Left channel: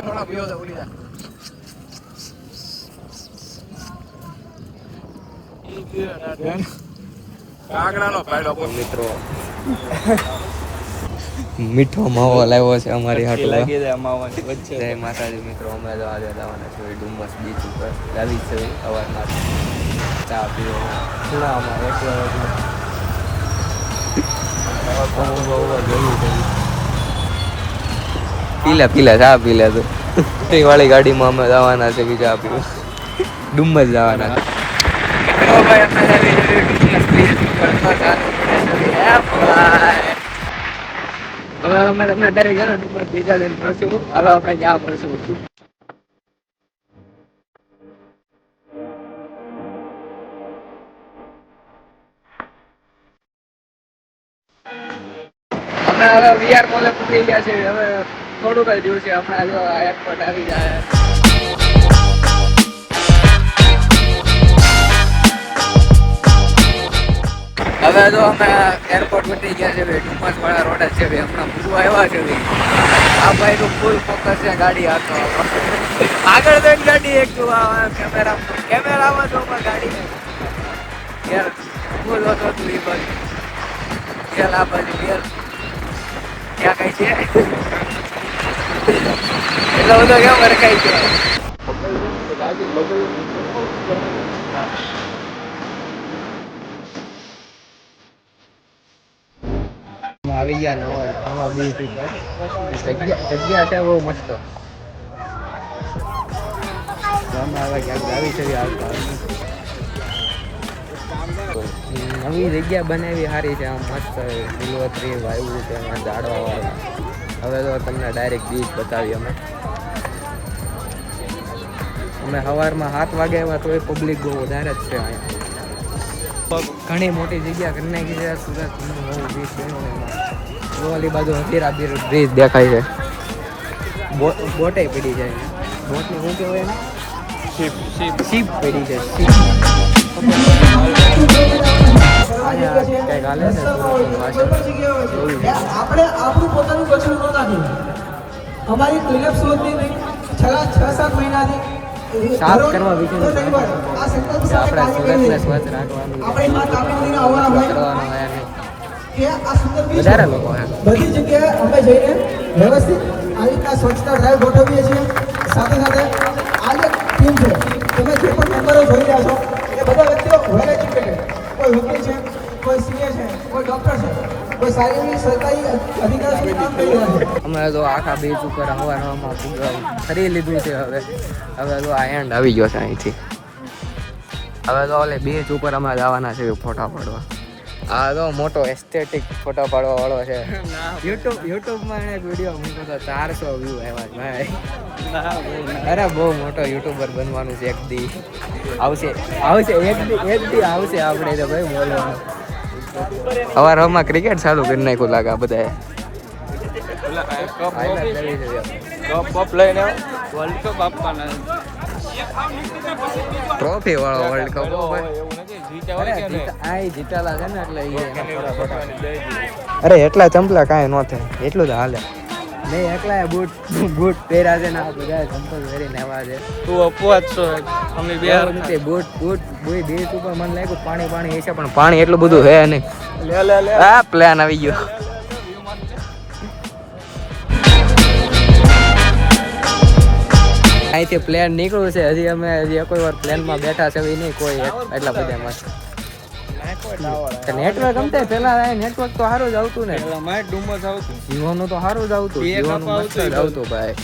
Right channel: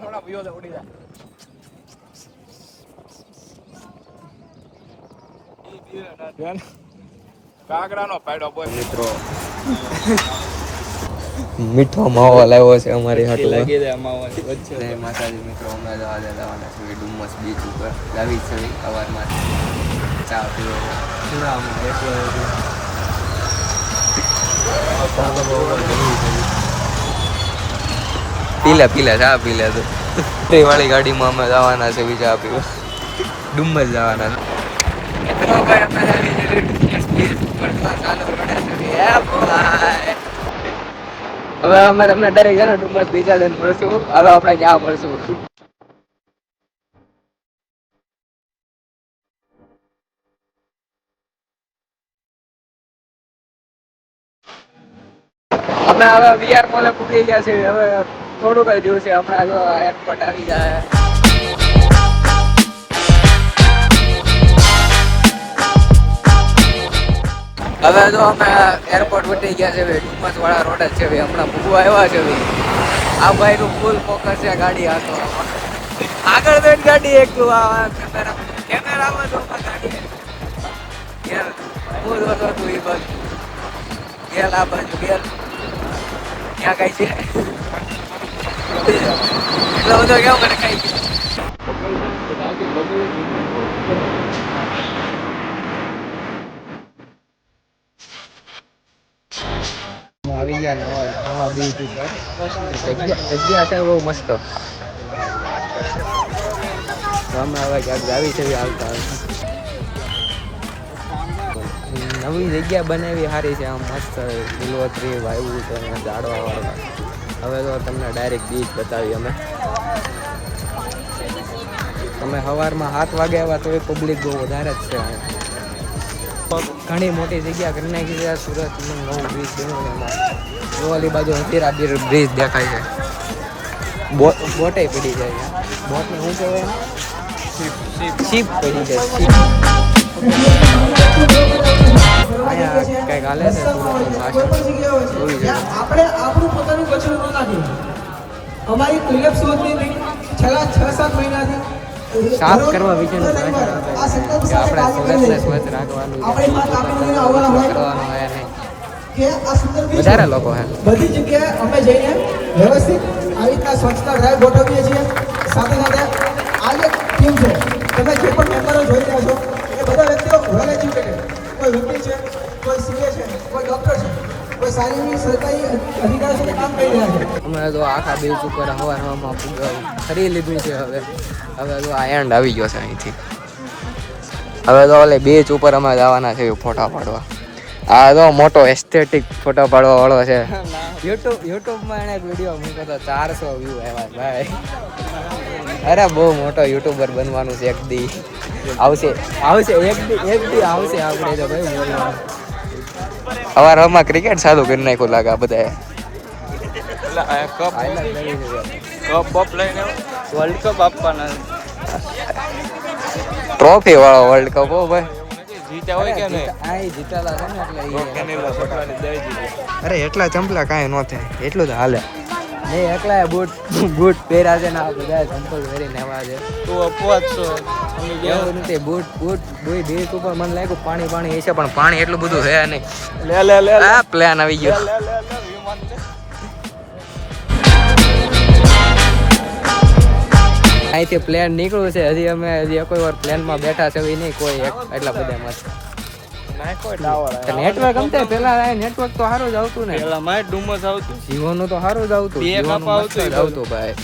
મિત્રો મીઠો માવો લાવ્યો છે અમારી હાટુમાં. જય માતાજી મિત્રો, અમે તો આજે જવાના છે ડુમસ બીચ ઉપર. લાવી છે સવારમાં ચા પીવો ખૂણામાં એકલો પીલા ચા પીલા તો વાળી ગાડીમાં અમે જવાના છે બીજા પીવા ડુમસ જવાના છે. હવે અમે તમને ડાયરેક્ટ ડુમસ બીજા દિન મળશું. હવે આપણે ક્યાં મળશું? અમે હવે વીઆર મોલે પકડી ગયા છે. હવે થોડુંક જ દૂર છે, હમણાં જો એરપોર્ટ આવી જાય. હવે જો અમે એરપોર્ટ વટી ગયા છે. ડુમસ વાળા રોડ જ છે. હમણાં ભૂગું આવ્યા છે. આ ભાઈ નું ફૂલ ફોકસ છે ગાડી હાથો આગળ બેઠ ગાડી એક કેમેરામાં જો ગાડી ઘેર ફૂલ હતો તું એ બાજુ ઘેર આ બાજુ ઘેર ક્યાં કઈ છે એટલો બધો કેમ રખાય છે. આવી ગયા નવા બીચ ઉપર. જગ્યા છે બહુ મસ્ત. અમે હવે ક્યાંક આવી છે આવતા નવી જગ્યા બનાવી સારી છે. આમ મસ્ત લીલોતરી વાયુ છે, ઝાડવા વાળવા. હવે તો તમને ડાયરેક્ટ બીચ બતાવી અમે સવારમાં 7 વાગે આવ્યા તો એ પબ્લિક બહુ વધારે જ છે અહીંયા. ઘણી મોટી જગ્યા કરી નાખી છે સુરત નવું બીચ બન્યું ને એમાં. ઓલી બાજુ હતીરા બ્રિજ દેખાય છે. બોટે પડી છે. બોટને શું કહેવાય? શીપ પડી છે. અહીંયા કંઈક હાલે છે સુરતનું ભાષણ. આપણે આપણું પોતાનું કચરો ન નાખીએ. અમારી ક્લિયર સોચની છેલ્લા 6-7 મહિનાથી સાફ કરવા વિશેનું કે આપણે સુરતને સ્વચ્છ રાખવાનું કરવાનો હોય નહીં. વધારે લોકો બધી જગ્યાએ અમે જઈને વ્યવસ્થિત આવી રીતના સ્વચ્છતા ડ્રાઈવ ગોઠવીએ છીએ. સાથે સાથે આ જે ટીમ છે, તમે જે પણ મેમ્બરો જોઈ રહ્યા છો એ બધા વ્યક્તિઓ ભૂલે છે. કોઈ વકીલ છે, કોઈ સીએ છે, કોઈ ડૉક્ટર છે, કોઈ સારી સરકારી અધિકારી સાથે કામ કરી રહ્યા છે. અમે તો આખા બીચ ઉપર હવામાં ફરી લીધું છે. હવે તો આ એન્ડ આવી ગયો છે અહીંથી. હવે તો ઓલે બીચ ઉપર અમે જવાના છે ફોટા પાડવા. આ તો મોટો એસ્થેટિક ફોટો પાડવા વાળો છે. યુટ્યુબમાં એને વિડીયો મૂક્યો તો 400 વ્યૂ આવ્યા ભાઈ. અરે બહુ મોટો યુટ્યુબર બનવાનું છે. એક દી આવશે એક દી આવશે આપણે તો ભાઈ બોલવાનું. હવામાં ક્રિકેટ ચાલુ કરી નાખ્યું લાગે આ બધાએ. ટ્રોફી વાળો વર્લ્ડ કપ હો ભાઈ. જીતેલા છે ને એટલે અરે એટલા ચંપલા કાંઈ ન થાય, એટલું તો હાલે નહીં. એકલા બૂટ પહેર્યા છે ને આ બધા ચંપલ પહેરીને આવ્યા છે. એવું નથી. બૂટ બીચ ઉપર મને લાગ્યું પાણી હશે, પણ પાણી એટલું બધું છે નહીં. આ પ્લાન આવી ગયો. અહીંથી પ્લેન નીકળ્યું છે. હજી કોઈ વાર પ્લેનમાં બેઠા છે નહીં કોઈ એટલા બધામાં. નેટવર્ક ગમતે પેલા નેટવર્ક તો સારું જ આવતું ને. જીઓનું તો સારું જ આવતું. આવતું ભાઈ.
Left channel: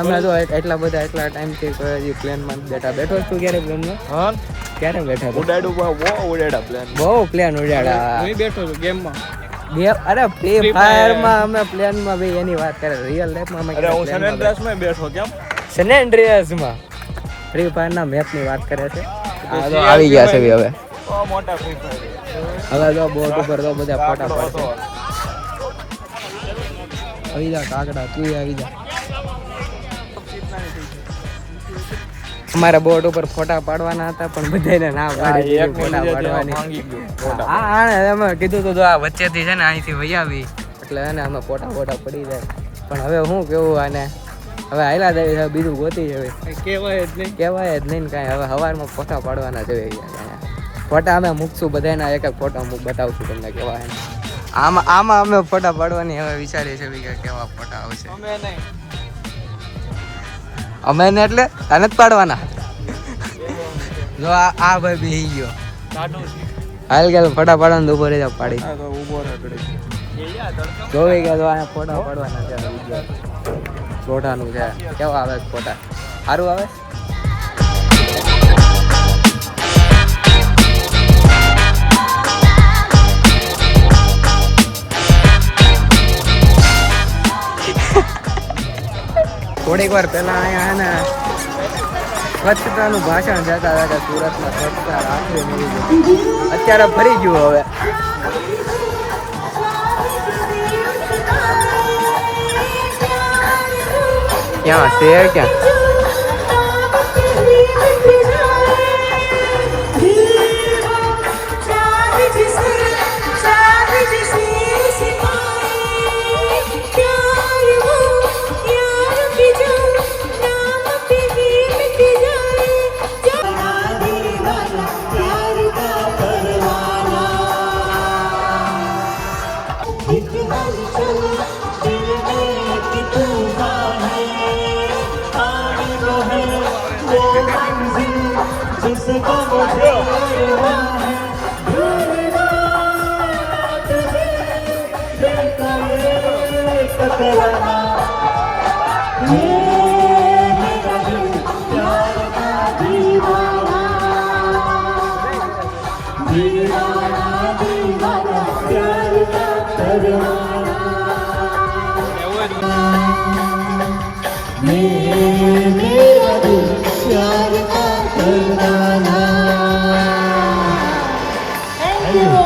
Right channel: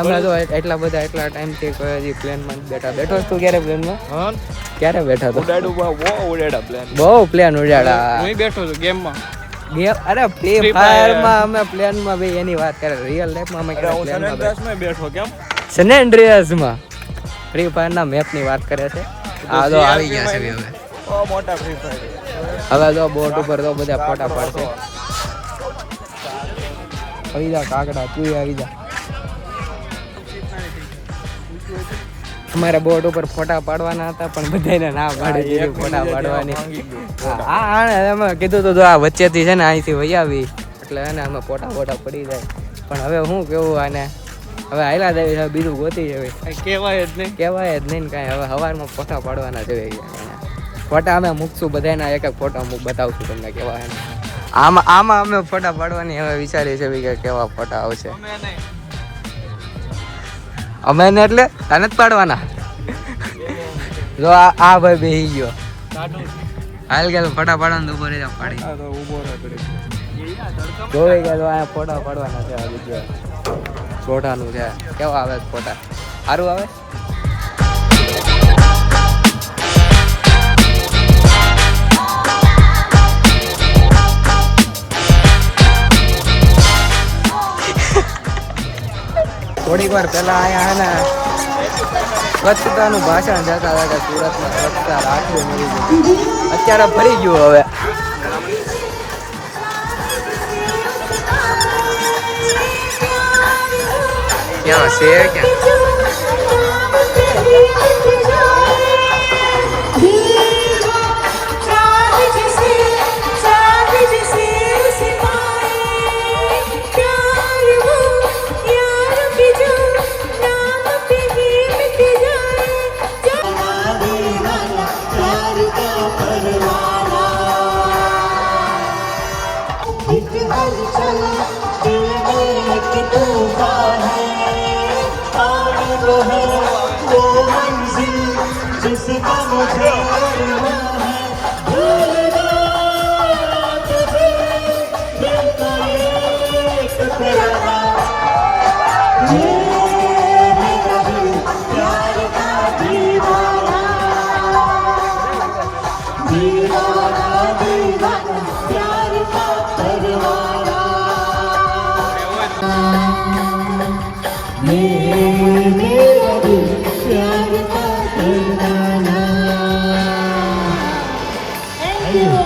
અમે તો એટલા ટાઈમથી હજી પ્લેનમાં બેઠો છું. ક્યારે પ્લેનમાં બેઠા બહુ પ્લેન ઉડાડા. અરે ફ્રી ફાયર માં અમે પ્લેન માં ભાઈ એની વાત કરે. રિયલ લાઈફ માં અમે પ્લેન માં બેઠો કેમ સેન એન્ડ્રિયાસ માં ફ્રી ફાયર ના મેપ ની વાત કરે છે. આ તો આવી ગયા છે હવે તો બોટ ઉપર તો બધા ફોટા પાડશે. આવી જા કાકડા, તું આવી જા. અમારે બોટ ઉપર ફોટા પાડવાના હતા પણ બધાને ના પાડી દીધી ફોટા પાડવાની. અમે કીધું તો આ વચ્ચેથી છે ને અહીંથી વહી આવી એટલે એને અમે ફોટા પડી જાય. પણ હવે શું કેવું આને હવે હાયલા દેવી હવે બીજું ગોતી છે કહેવાય જ નહીં કાંઈ. હવે સવારમાં ફોટા પાડવાના છે ફોટા અમે મૂકશું બધાના એક એક ફોટો બતાવશું તમને કેવા હે આમાં અમે ફોટા પાડવાની હવે વિચારીએ છીએ કે કેવા ફોટા આવશે. અમે ને એટલે તને જ પાડવાના. જો આ ભાઈ બેહી ગયો હાલ ગયા ફોટા પાડવાનું ઉભો રહી જાવ પાડી જોઈ ગયા તો અહીંયા ફોટા પાડવાના છે આવી ગયા ફોટાનું છે. કેવા આવે ફોટા સારું આવે. થોડીક વાર પહેલા અહીંયા ને સ્વચ્છતાનું ભાષણ જતા હતા કે સુરતમાં સ્વચ્છતા રાખવી મળી ગઈ. અત્યારે ફરી ગયું હવે. ક્યાં છે ક્યાં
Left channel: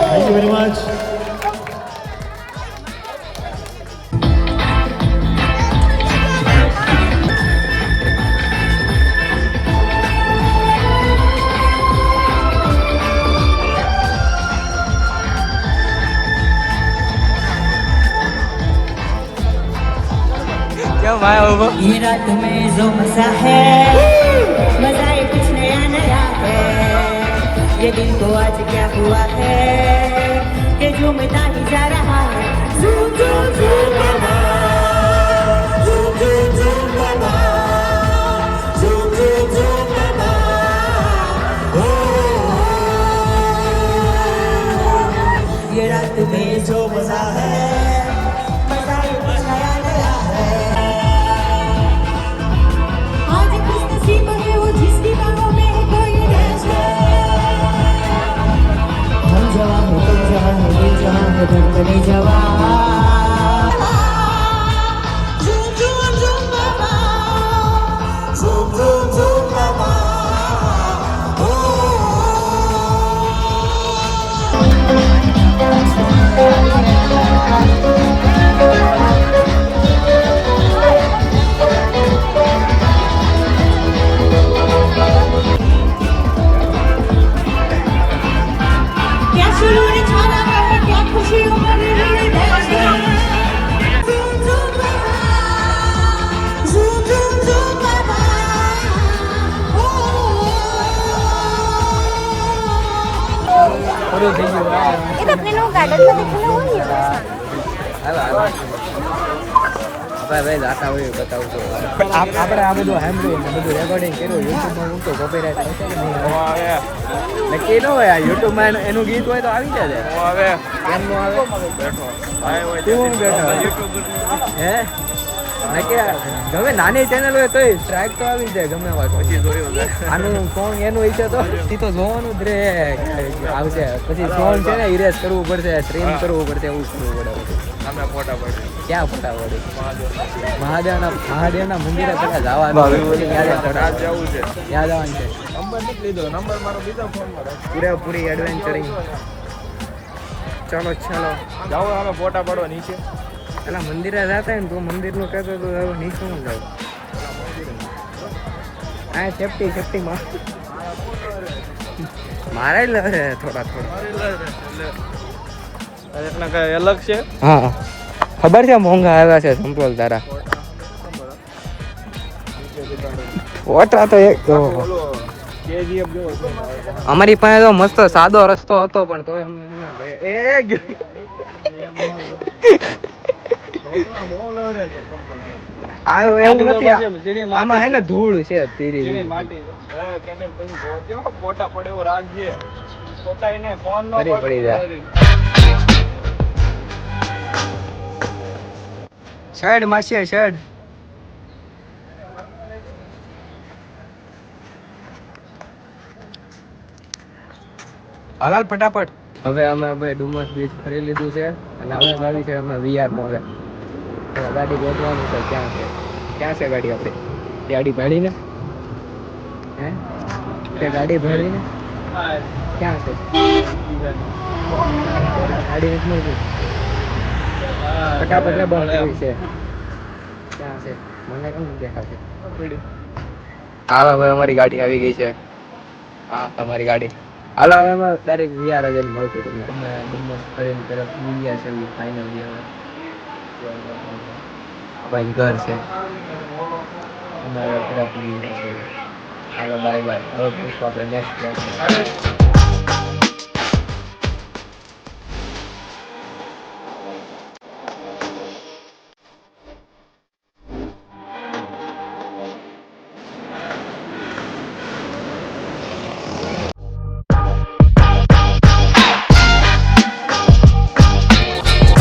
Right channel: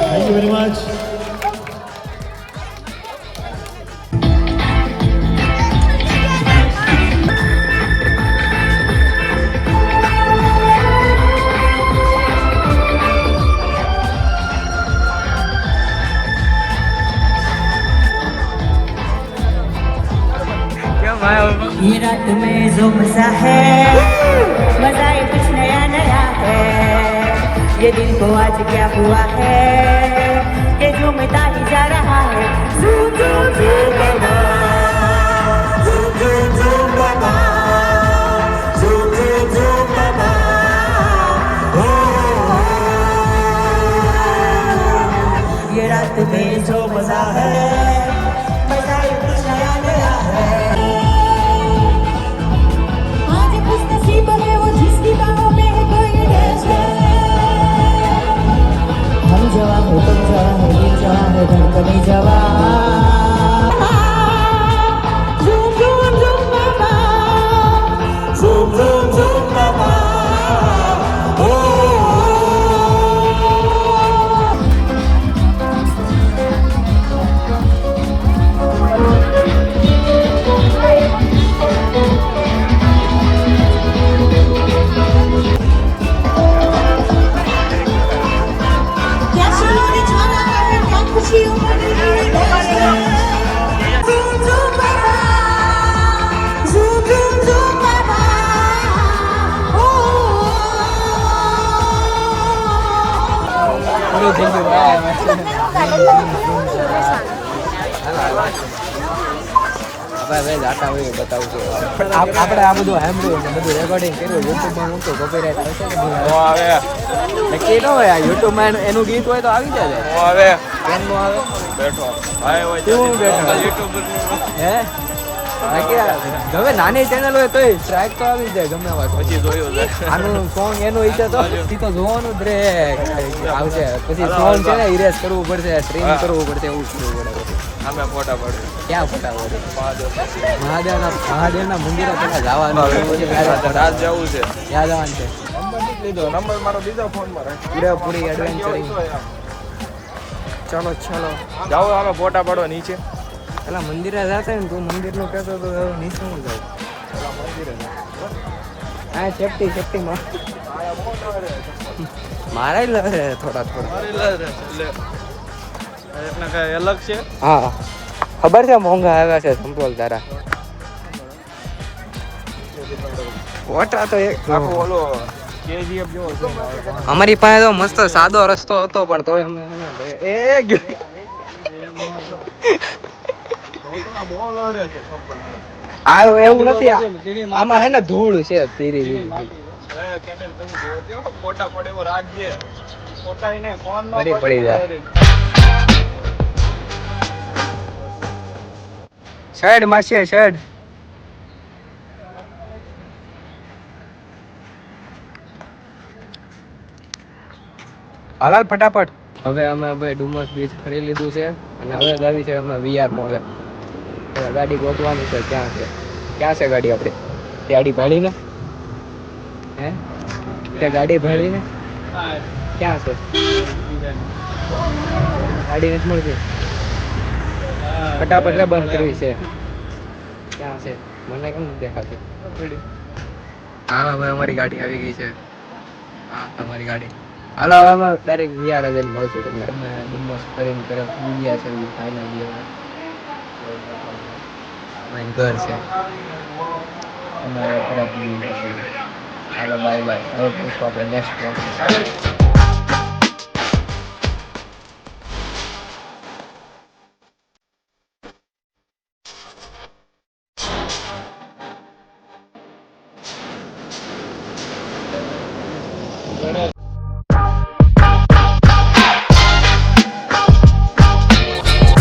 Thank you very much. क्या भाई बाबा ये रात में जो मजा है मजा ये कुछ नया नया है ये दिन को आज क्या हुआ है ये झूमता ही जा रहा है झूम झूम झूम बाबा झूम झूम झूम बाबा झूम झूम झूम बाबा ये रात में जो मजा है मजा ये कुछ नया नया है आज खुश नसीब है वो जिसकी बाहों में है कोई डर है हम जवान हो गए जवान हो गए जवान हो धड़कने जवान झूम झूम झूम बाबा झूम झूम झूम बाबा क्या सुरूर छाना है क्या खुशियों में रही है झूम झूम बाबा झूम झूम झूम बाबा પૂરું થઈ ગયું ભાઈ જાતા હોય બતાવશું. આપણે આ બધું સાંભળ્યું ને બધું રેકોર્ડિંગ કર્યું યુટ્યુબમાં મૂકતો કોપીરાઇટ આવશે કે નહીં આવે નક્કી ન હોય. આ યુટ્યુબમાં એનું ગીત હોય તો આવી જાય કેમ નું આવે તું બેઠો હે નક્કી ગમે નાની ચેનલ હોય તોય સ્ટ્રાઇક તો આવી જાય ગમે વાત. આનું સોંગ એનું ઈચ્છે તો એ તો જોવાનું જ રે આવશે. પછી સોંગ છે ને ઇરેઝ કરવું પડશે સ્ટ્રીમ કરવું પડશે એવું કરવું પડે. પછી ફોટા પડે ક્યાં ફોટા પડે મહાદેવના મંદિરે પેલા જવાનું હોય પછી ફોટા જવું છે ક્યાં જવાનું છે પૂરેપૂરી એડવેન્ચરિંગ. ચલો ચલો જાઓ અમે ફોટા પાડવા નીચે. પેલા મંદિરે જતા ને તું મંદિરનું કહેતો તો હવે નીચે હું જાઉં. હા સેફ્ટીમાં મારે જ લે થોડા અલગ છે ખબર છે મોંઘા આવ્યા છે સંતોલ તારા ઓટો તો અમારી પાસે તો મસ્ત સાદો રસ્તો હતો પણ તોય અમે એવું નથી આમાં હે ને ધૂળ છે ધીરે પડી જાય શેડ માં છે શેડ હાલ ફટાફટ હવે અમે ડુમસ બીચ ફરી લીધું છે અને હવે ગાડી છે અમે વીઆર મોલે ગાડી ગોતવાની છે ક્યાં છે ગાડી આપણે ગાડી ભાડીને હે તે ગાડી ભાડીને ક્યાં છે ગાડી નથી મળતી ફટાફટ બંધ કરવી છે ક્યાં છે મને કેમ દેખાશે હા હવે અમારી ગાડી આવી ગઈ છે હા તમારી ગાડી હાલો હવે ડાયરેક્ટ વીઆર જ મળશું તમને અમે ડુમસ ફરીને તરફ ગયા છે ફાઇનલી હવે ભાઈ ઘર છે અમારા તરફ હાલો બાય બાય હવે આપણે નેક્સ્ટ